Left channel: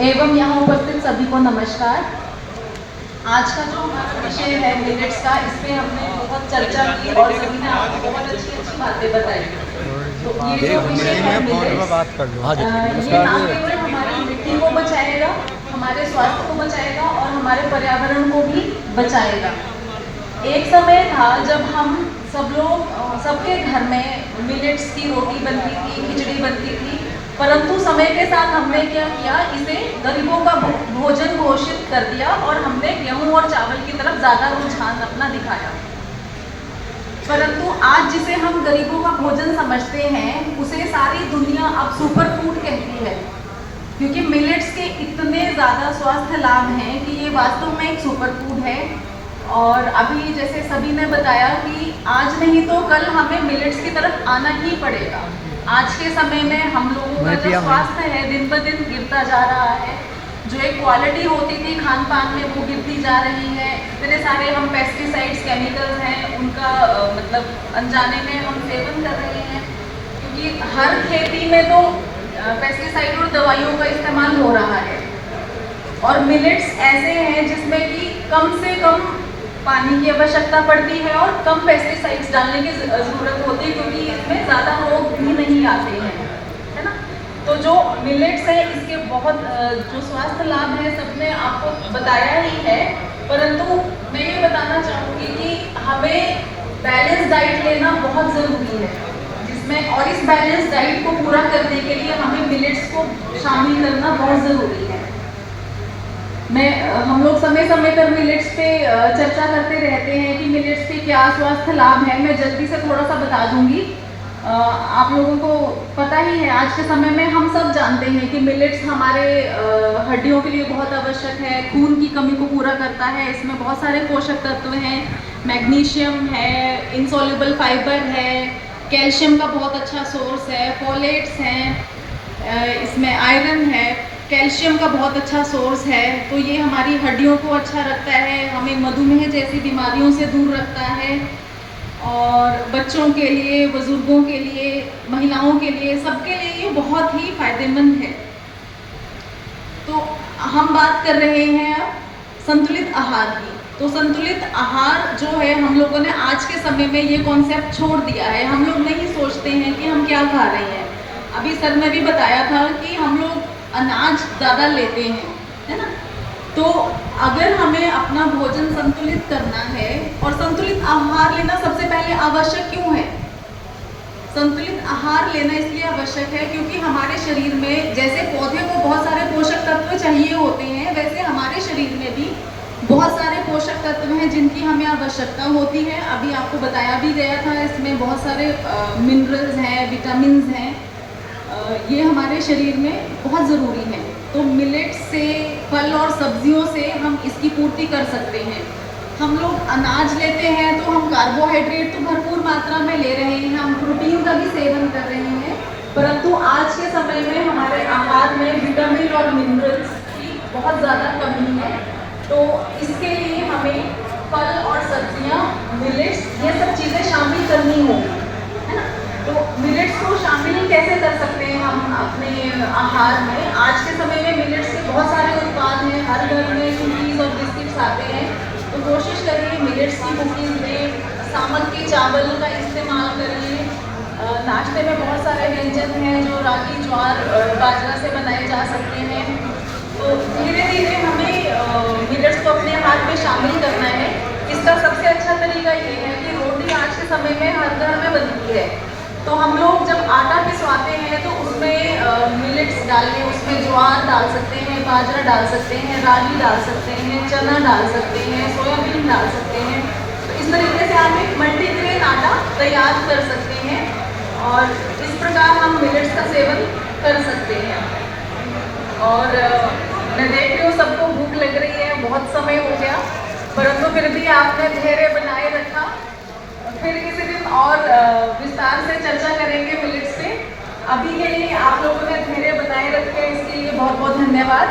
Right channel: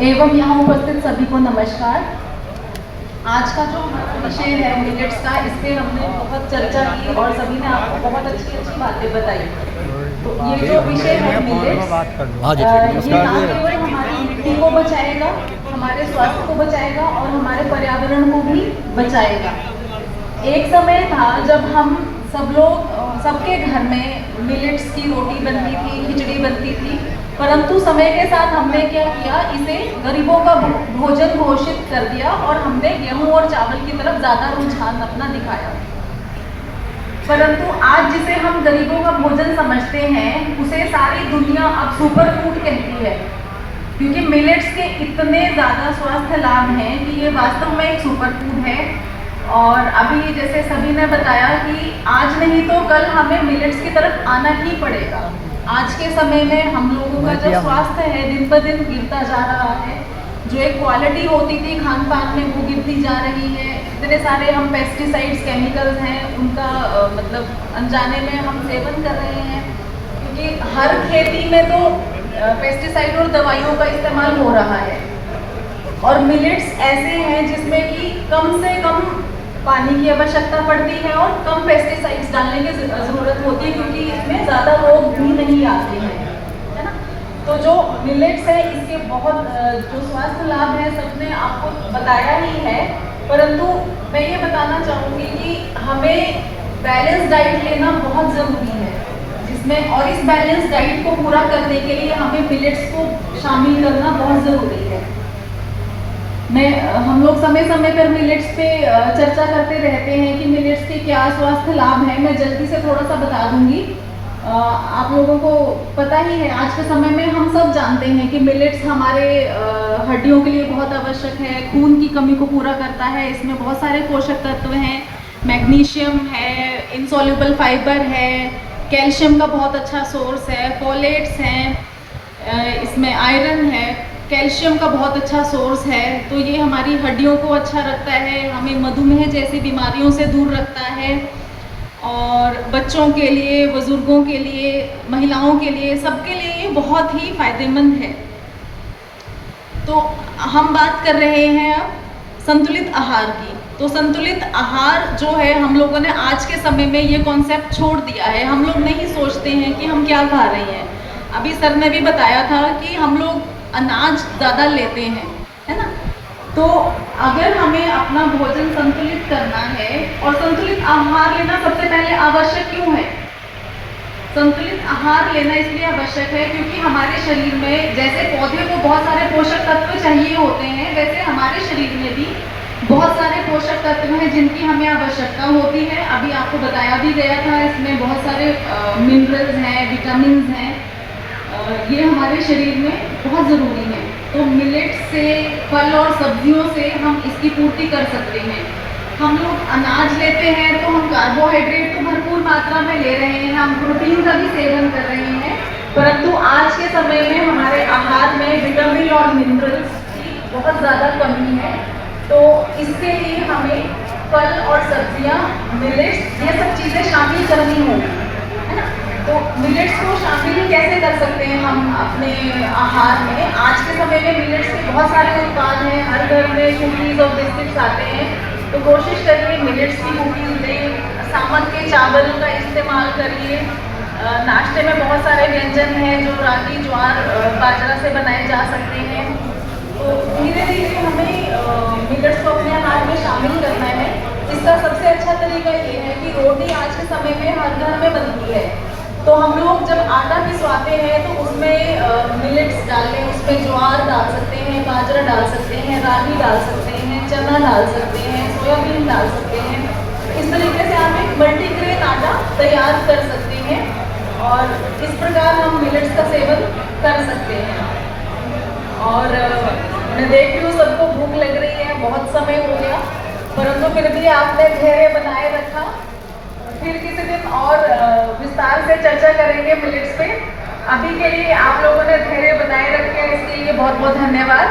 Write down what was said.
एवं यहाँ उपस्थित सभी को नमस्कार। आज का जो हमारा विषय है मिलेट्स का, इस पे हमने बहुत चर्चा की और सभी ने आपको बहुत अच्छी अच्छी बातें बताई। तो ये जो विषय है मिलेट्स, नमस्कार जी। केवल हमारी मिट्टी को बचाएगा, हमारे स्वास्थ्य को बचाएगा और हमारे पर्यावरण को भी बचाएगा। एक समय था जब हम सब लोग, सबके घर में मिलेट्स की रोटी बनती थी, खिचड़ी बनती थी, परंतु समय के साथ हमने क्या किया, इसे गरीबों का भोजन घोषित कर दिया और हमने गेहूं और चावल की तरफ ज्यादा रुझान अपना दिखाया। परंतु आज जिसे हम गरीबों का भोजन समझते हैं, उसे सारी दुनिया अब सुपर फूड कहती है, क्योंकि मिलेट्स के इतने ज्यादा स्वास्थ्य लाभ हैं कि ये वास्तव में एक सुपर फूड है। और अभी जैसे सभी ने बताया कि आज नहीं तो कल हमें मिलेट्स की तरफ आना ही पड़ेगा। आज के समय में हम लोगों का जो स्वास्थ्य है दिन ब दिन गिरता जा रहा है, जो एक क्वालिटी होती थी खान पान में वो गिरती जा रही है। इतने सारे हम पेस्टिसाइड्स, केमिकल्स हैं, उनका मतलब अनजाने में हम सेवन कर रहे हैं, क्योंकि हर खेती में तो पेस्टिसाइड और दवाइयों का इस्तेमाल हो रहा है। और मिलेट्स ऐसे हैं जिसमें कि कम से कम पानी की आवश्यकता पड़ती है और कम पेस्टिसाइड्स डालने की ज़रूरत होती है, क्योंकि इसमें ज़्यादा रोग भी नहीं आते हैं, है ना। तो जो मिलेट्स है, इसके बहुत जो स्वास्थ्य लाभ है सबने आपको बताया ही है, परंतु मैं ये बताना चाहूँगी कि हमें बैलेंस डाइट लेना बहुत ज़रूरी है, जिसमें और इस बैलेंस डाइट को पूरा करने के लिए हमें मिलेट्स को शामिल करना बहुत ज़रूरी है। हम लोग समय समय पर मिलेट्स पे चर्चा करते रहते हैं कि मिलेट्स के क्या स्वास्थ्य लाभ हैं। मैं जल्दी से थोड़ा सा बता दूंगी। आप लोगों को पता ही है, आज के समय में हम सब जानते हैं कि मिलेट्स हमारे हड्डियों के लिए बहुत आवश्यक है, खून की कमी को पूरा करता है। इसमें बहुत सारे पोषक तत्व हैं, मैग्नीशियम है, इनसॉल्युबल फाइबर है, कैल्शियम का बहुत अच्छा सोर्स है, फोलेट्स हैं, इसमें आयरन है, कैल्शियम का बहुत अच्छा सोर्स है। तो ये हमारी हड्डियों को अच्छा रखता है, हमें मधुमेह जैसी बीमारियों से दूर रखता है, और बच्चों के लिए, बुजुर्गों के लिए, महिलाओं के लिए, सबके लिए ये बहुत ही फायदेमंद है। तो हम बात कर रहे हैं अब संतुलित आहार की। तो संतुलित आहार जो है, हम लोगों ने आज के समय में ये कॉन्सेप्ट छोड़ दिया है। हम लोग नहीं सोचते हैं कि हम क्या खा रहे हैं। अभी सर ने भी बताया था कि हम लोग अनाज ज़्यादा लेते हैं, है ना। तो अगर हमें अपना भोजन संतुलित करना है, और संतुलित आहार लेना सबसे पहले आवश्यक क्यों है? संतुलित आहार लेना इसलिए आवश्यक है क्योंकि हमारे शरीर में जैसे पौधे को बहुत सारे पोषक तत्व चाहिए होते हैं, वैसे हमारे शरीर में भी बहुत सारे पोषक तत्व हैं जिनकी हमें आवश्यकता होती है। अभी आपको बताया भी गया था, इसमें बहुत सारे मिनरल्स हैं, विटामिन हैं, ये हमारे शरीर में बहुत ज़रूरी है। तो मिलेट्स से, फल और सब्जियों से हम इसकी पूर्ति कर सकते हैं। हम लोग अनाज लेते हैं तो हम कार्बोहाइड्रेट तो भरपूर मात्रा में ले रहे हैं, हम प्रोटीन का भी सेवन कर रहे हैं, परंतु आज के समय में हमारे आहार में विटामिन और मिनरल्स की बहुत ज़्यादा कमी है। तो इसके लिए हमें फल और सब्जियां, मिलेट्स, ये सब चीज़ें शामिल करनी होगी, है ना। तो मिलेट्स को शामिल कैसे कर सकते हैं हम अपने आहार में? आज के समय में मिलेट्स के बहुत सारे उत्पाद हैं, हर घर में कुकीज़ और बिस्किट्स आते हैं। तो कोशिश करिए मिलेट्स की कुकीज़ लें, सामक के चावल का इस्तेमाल करिए। नाश्ते में बहुत सारे व्यंजन हैं जो रागी, ज्वार, बाजरा से बनाए जा सकते हैं। तो धीरे धीरे हमें मिलेट्स को अपने आहार में शामिल करना है। इसका सबसे अच्छा तरीका ये है कि रोटी आज के समय में हर घर में बनती है, तो हम लोग जब आटा पिसवाते हैं तो उसमें मिलेट्स डाल लें, उसमें ज्वार डाल सकते हैं, बाजरा डाल सकते हैं, रागी डाल सकते हैं, चना डाल सकते हैं, सोयाबीन डाल सकते हैं। तो इस तरीके से आप एक मल्टीग्रेन आटा तैयार कर सकते हैं और इस प्रकार हम मिलेट्स का सेवन कर सकते हैं। और मैं देख रही हूँ सबको भूख लग रही है, बहुत समय हो गया, परंतु फिर भी आपने धैर्य बनाए रखा। फिर किसी दिन और विस्तार से चर्चा करेंगे मिलेट्स पे। अभी के लिए आप लोगों ने धैर्य बनाए रखे, इसके लिए बहुत बहुत धन्यवाद।